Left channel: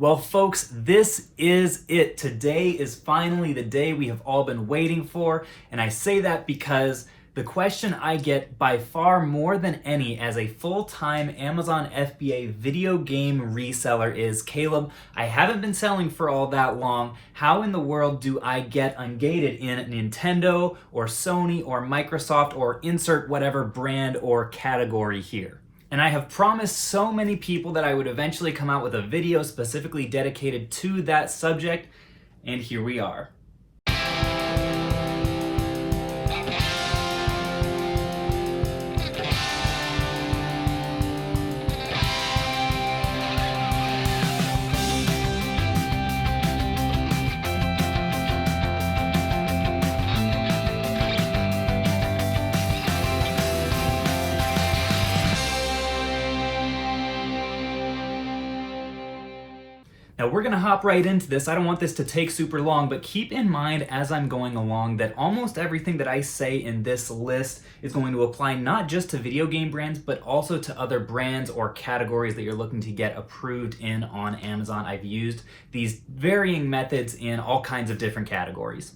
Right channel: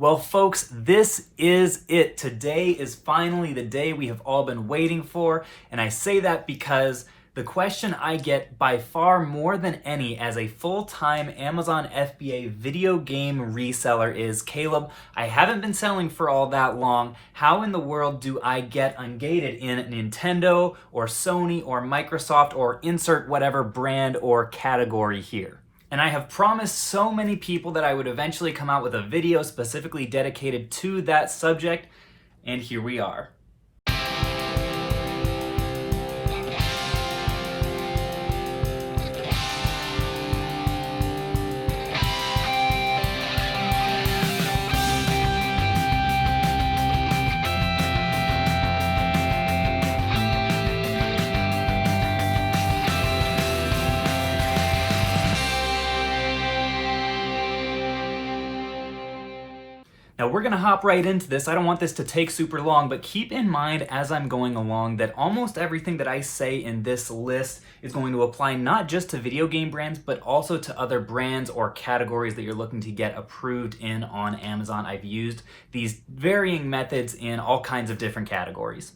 Well, folks, this is it. Today is finally the day we have all been waiting for, and I say that because the question I get by far more than any as a full-time Amazon FBA video game reseller is, Caleb, I haven't been selling for all that long. How in the world do I get Ungated in Nintendo or Sony or Microsoft or insert whatever brand or category here? And I have promised so many people that I would eventually come out with a video specifically dedicated to that subject, and here we are. Now we're gonna hop right into this. I don't want this to take super long, but keep in mind as I'm going along that almost everything that I say in this list is going to apply not just to video game brands, but also to other brands or categories that you're looking to get approved in on Amazon. I've used these varying methods in all kinds of different categories.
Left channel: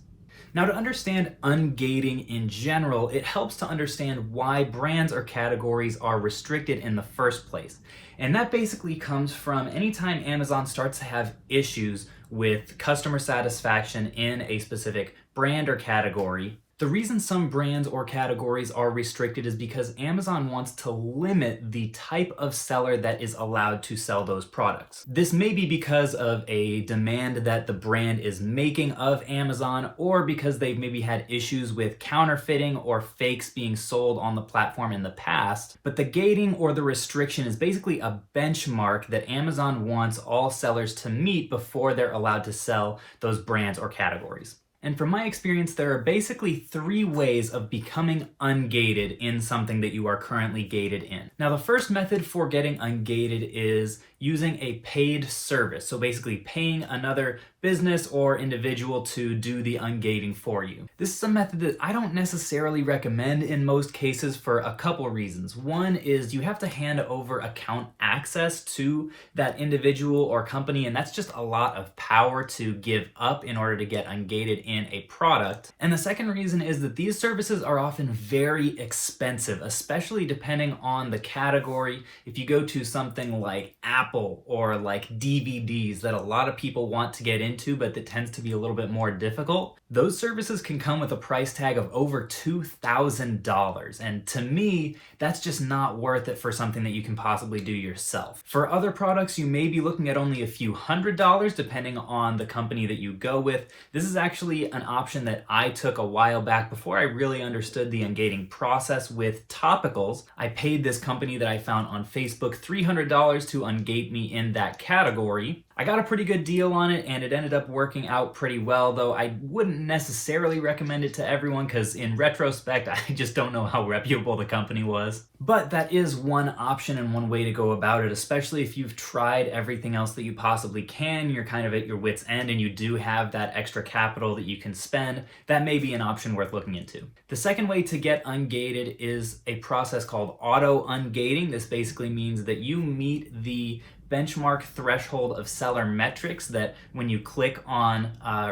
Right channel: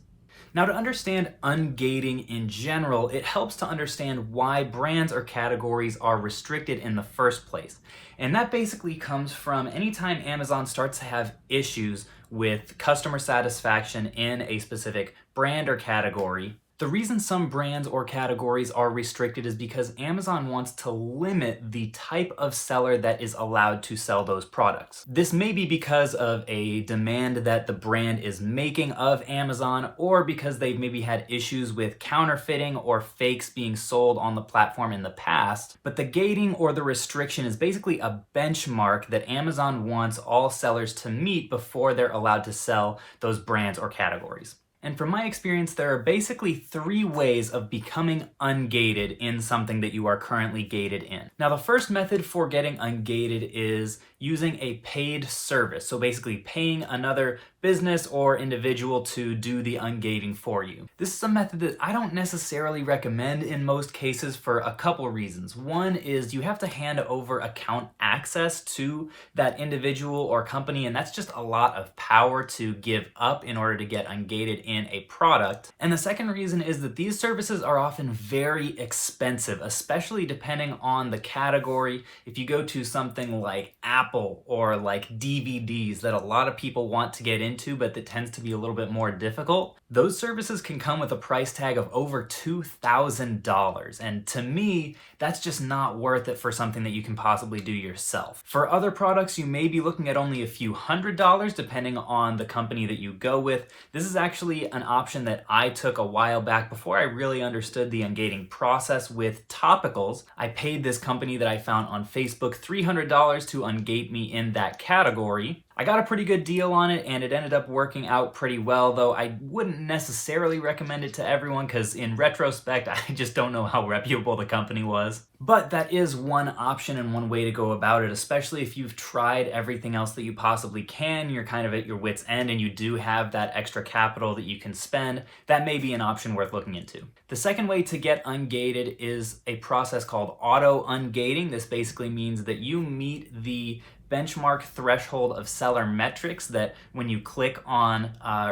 Now, to understand ungating in general, it helps to understand why brands or categories are restricted in the first place. And that basically comes from anytime Amazon starts to have issues with customer satisfaction in a specific brand or category. The reason some brands or categories are restricted is because Amazon wants to limit the type of seller that is allowed to sell those products. This may be because of a demand that the brand is making of Amazon, or because they've maybe had issues with counterfeiting or fakes being sold on the platform in the past. But the gating or the restriction is basically a benchmark that Amazon wants all sellers to meet before they're allowed to sell those brands or categories. And from my experience, there are basically three ways of becoming ungated in something that you are currently gated in. Now, the first method for getting ungated is using a paid service. So basically paying another business or individual to do the ungating for you. This is a method that I don't necessarily recommend in most cases for a couple reasons. One is you have to hand over account access to that individual or company, and that's just a lot of power to give up in order to get ungated in a product. And the second reason is that these services are often very expensive, especially depending on the category. If you go to something like Apple or like DVDs that a lot of people want to get into, but that tends to be a little bit more difficult, those services can come with a price tag of over $2,000. And to me, that's just not worth it for something that you can possibly do yourself. For other products, you may be looking at only a few $100s depending on the company that you go with. This is actually an option that I took a while back before I really understood the ungating process with topicals. I paid this company that I found on Facebook $300 to ungate me in that category. I got a pretty good deal on it and it ended up working out pretty well, though I wouldn't necessarily recommend it to everyone because in retrospect, I just don't know how reputable the company was. But that is one option and one way to go about it, especially if you've tried everything else that you possibly can, you're kind of at your wit's end and you do have that extra capital that you can spend. That may be an option worth looking into. The second way to get ungated is a process called auto ungating. This basically means that you meet the benchmark threshold of seller metrics that when you click on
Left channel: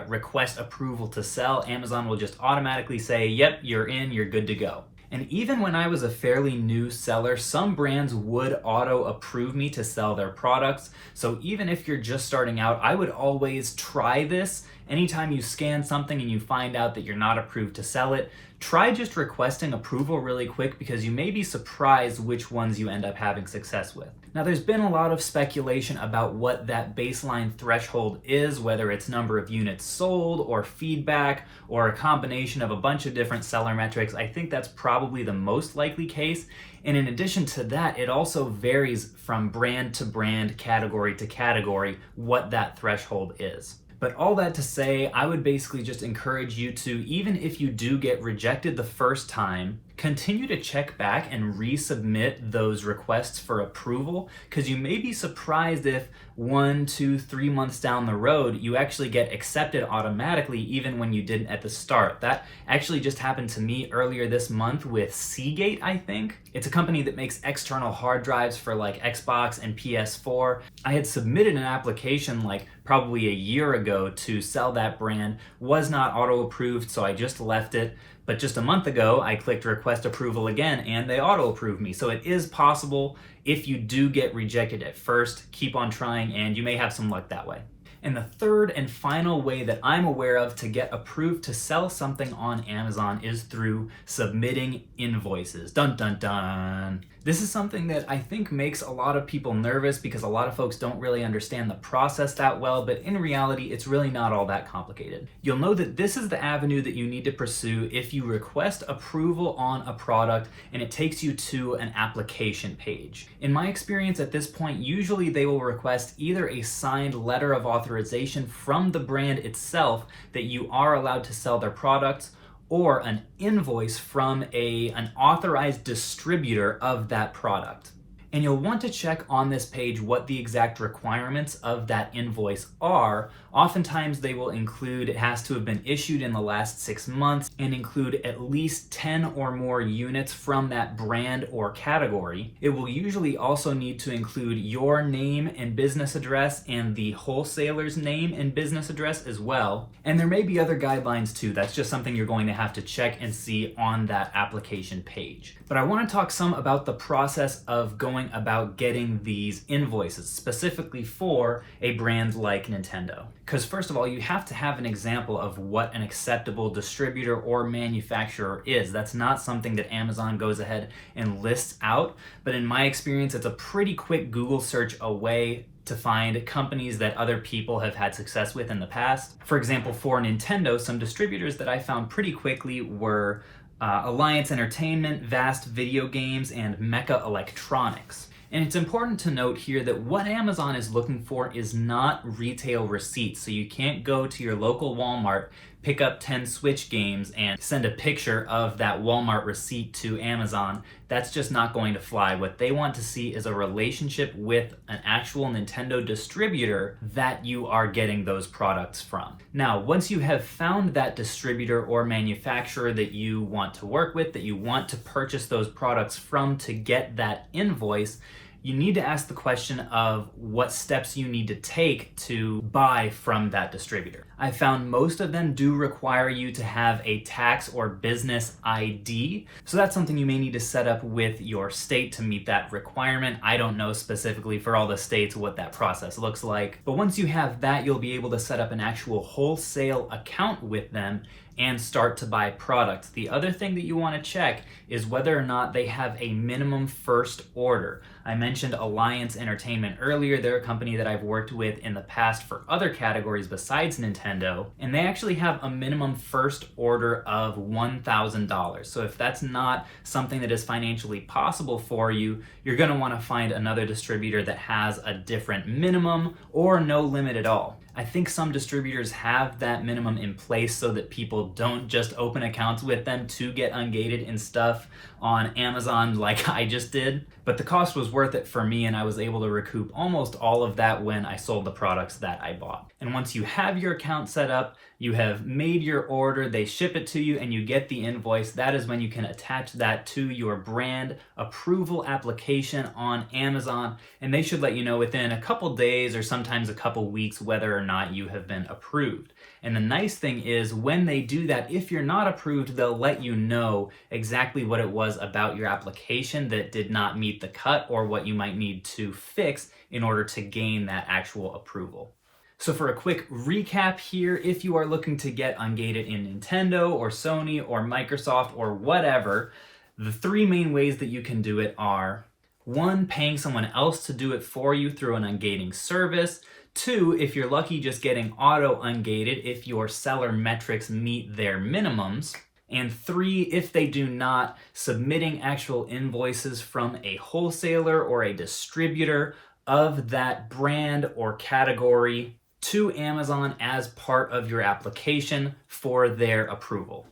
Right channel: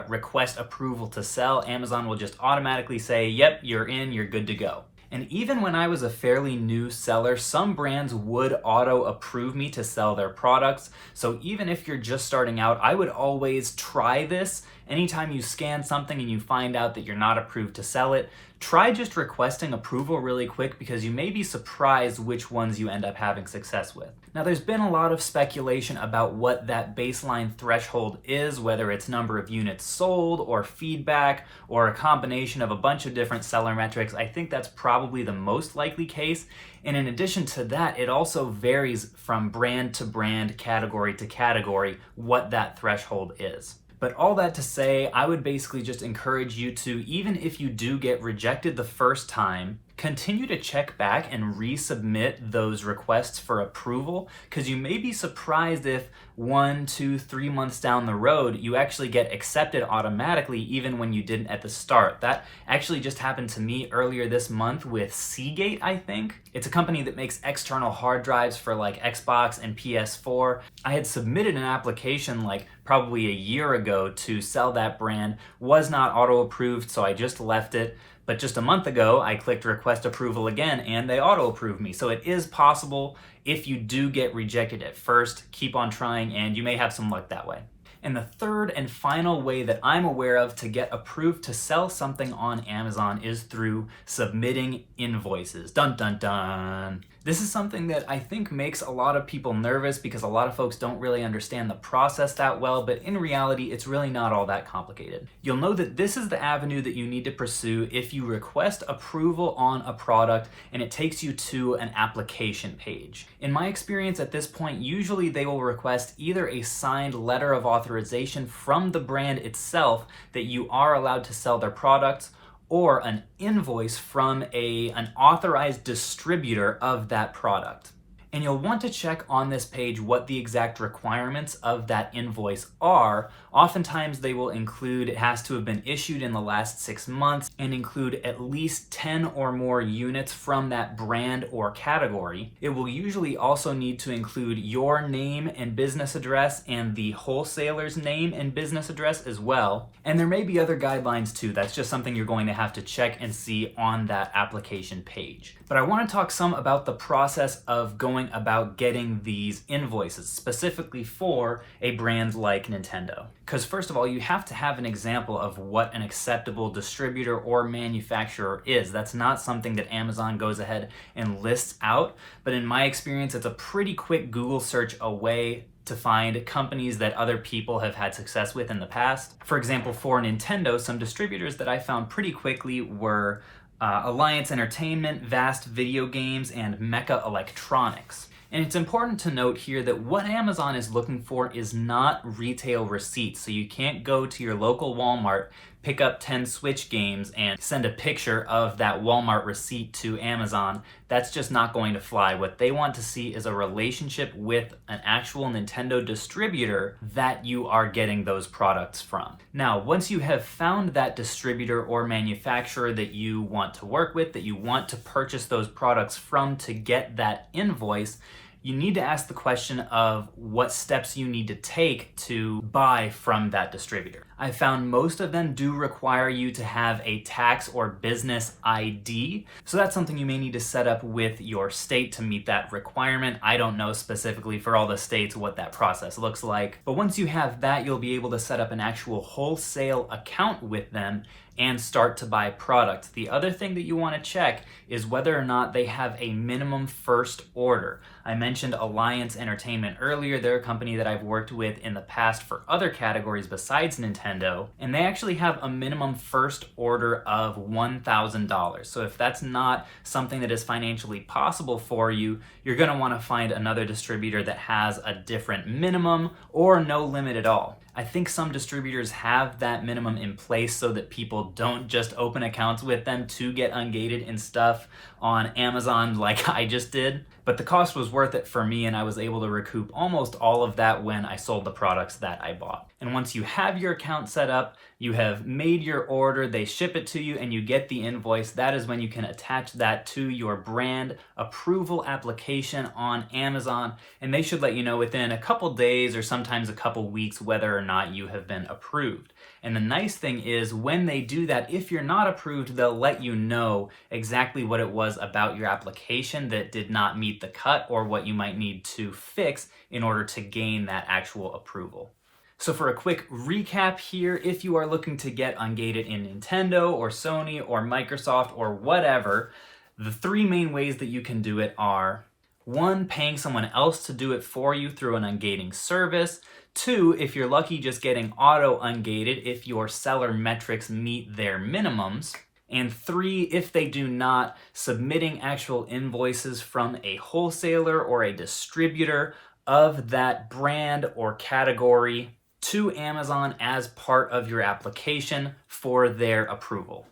request approval to sell, Amazon will just automatically say, yep, you're in, you're good to go. And even when I was a fairly new seller, some brands would auto approve me to sell their products. So even if you're just starting out, I would always try this. Anytime you scan something and you find out that you're not approved to sell it, try just requesting approval really quick because you may be surprised which ones you end up having success with. Now, there's been a lot of speculation about what that baseline threshold is, whether it's number of units sold or feedback or a combination of a bunch of different seller metrics. I think that's probably the most likely case. And in addition to that, it also varies from brand to brand, category to category, what that threshold is. But all that to say, I would basically just encourage you to, even if you do get rejected the first time, continue to check back and resubmit those requests for approval, because you may be surprised if 1, 2, 3 months down the road, you actually get accepted automatically even when you didn't at the start. That actually just happened to me earlier this month with Seagate, I think. It's a company that makes external hard drives for like Xbox and PS4. I had submitted an application like probably a year ago to sell that brand, was not auto-approved, so I just left it. But just a month ago, I clicked request approval again and they auto-approved me. So it is possible. If you do get rejected at first, keep on trying and you may have some luck that way. And the third and final way that I'm aware of to get approved to sell something on Amazon is through submitting invoices. Dun dun dun. This is something that I think makes a lot of people nervous because a lot of folks don't really understand the process that well, but in reality, it's really not all that complicated. You'll know that this is the avenue that you need to pursue if you request approval on a product and it takes you to an application page. In my experience at this point, usually they will request either a signed letter of authorization from the brand itself that you are allowed to sell their products, or an invoice from an authorized distributor of that product. And you'll want to check on this page what the exact requirements of that invoice are. Oftentimes they will include it has to have been issued in the last 6 months and include at least 10 or more units from that brand or category. It will usually also need to include your name and business address and the wholesaler's name and business address as well. And there may be other guidelines too. That's just something you're going to have to check and see on that application page. But I want to talk some about the process of going about getting these invoices, specifically for a brand like Nintendo. Because first of all, you have to have an example of what an acceptable distributor or manufacturer is. That's not something that Amazon goes ahead and lists out, but in my experience, it's a pretty quick Google search away to find companies that other people have had success with in the past. For example, for Nintendo, some distributors that I found pretty quickly were Alliance Entertainment, Vast Video Games, and Mecha Electronics. And it's important to note here that what Amazon is looking for is not retail receipts. So you can't go to your local Walmart, pick up 10 Switch games, and send a picture of that Walmart receipt to Amazon. That's just not going to fly. What they want to see is a relationship with an actual Nintendo distributor that you are getting those products from. Now, once you have found that distributor or manufacturer that you want to work with, that you want to purchase those products from to get that invoice, you need to ask the question of what steps you need to take to buy from that distributor. I found most of them do require you to have a tax or business ID. So that's something you may need to set up with your state to meet that requirement. I don't know specifically for all the states what that process looks like. But once you have that, you'll be able to set up an actual wholesale account with them and start to buy products. The other thing that you want to check is whether or not they have a minimum first order. I mentioned Alliance Entertainment earlier. They're a company that I've worked with in the past for other categories besides Nintendo, and they actually have a minimum first order of $1,000. So if that's not something that is financially possible for you, you're going to want to find another distributor that has a different minimum or no limit at all. I think some distributors have that minimum in place so that people don't just open accounts with them to get Ungated and stuff on Amazon like I just did. But the cost was worth it for me, and I was able to recoup almost all of that when I sold the products that I bought. And once you have your account set up, you have made your order, they ship it to you, and you get the invoice. That is when you can attach that to your brand approval application on Amazon, and they should let you know within a couple days or sometimes a couple weeks whether or not you have been approved. And the nice thing is when they do that, if you're not approved, they'll let you know exactly what it was about your application that did not meet the cut or what you might need to fix in order to gain that actual approval. So for a quick recap here, if you are looking to get Ungated in Nintendo or Sony or Microsoft or whatever, the three main ways that you can do it are: 1, paying someone else to do it for you through an ungating service; 2, if you're lucky, just getting auto ungated if your seller metrics meet their minimums; and 3, if they do not, submitting actual invoices from a wholesaler or a distributor of that brand or category to Amazon as part of your application for their approval.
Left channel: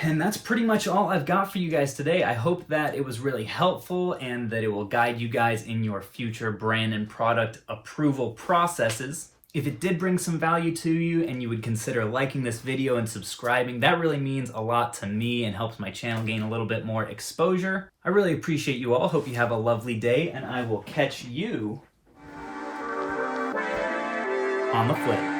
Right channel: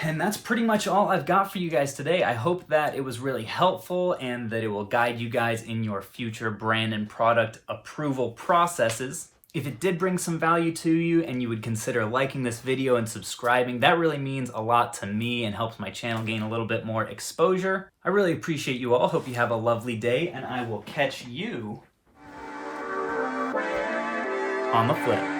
And that's pretty much all I've got for you guys today. I hope that it was really helpful and that it will guide you guys in your future brand and product approval processes. If it did bring some value to you and you would consider liking this video and subscribing, that really means a lot to me and helps my channel gain a little bit more exposure. I really appreciate you all. Hope you have a lovely day, and I will catch you on the flip.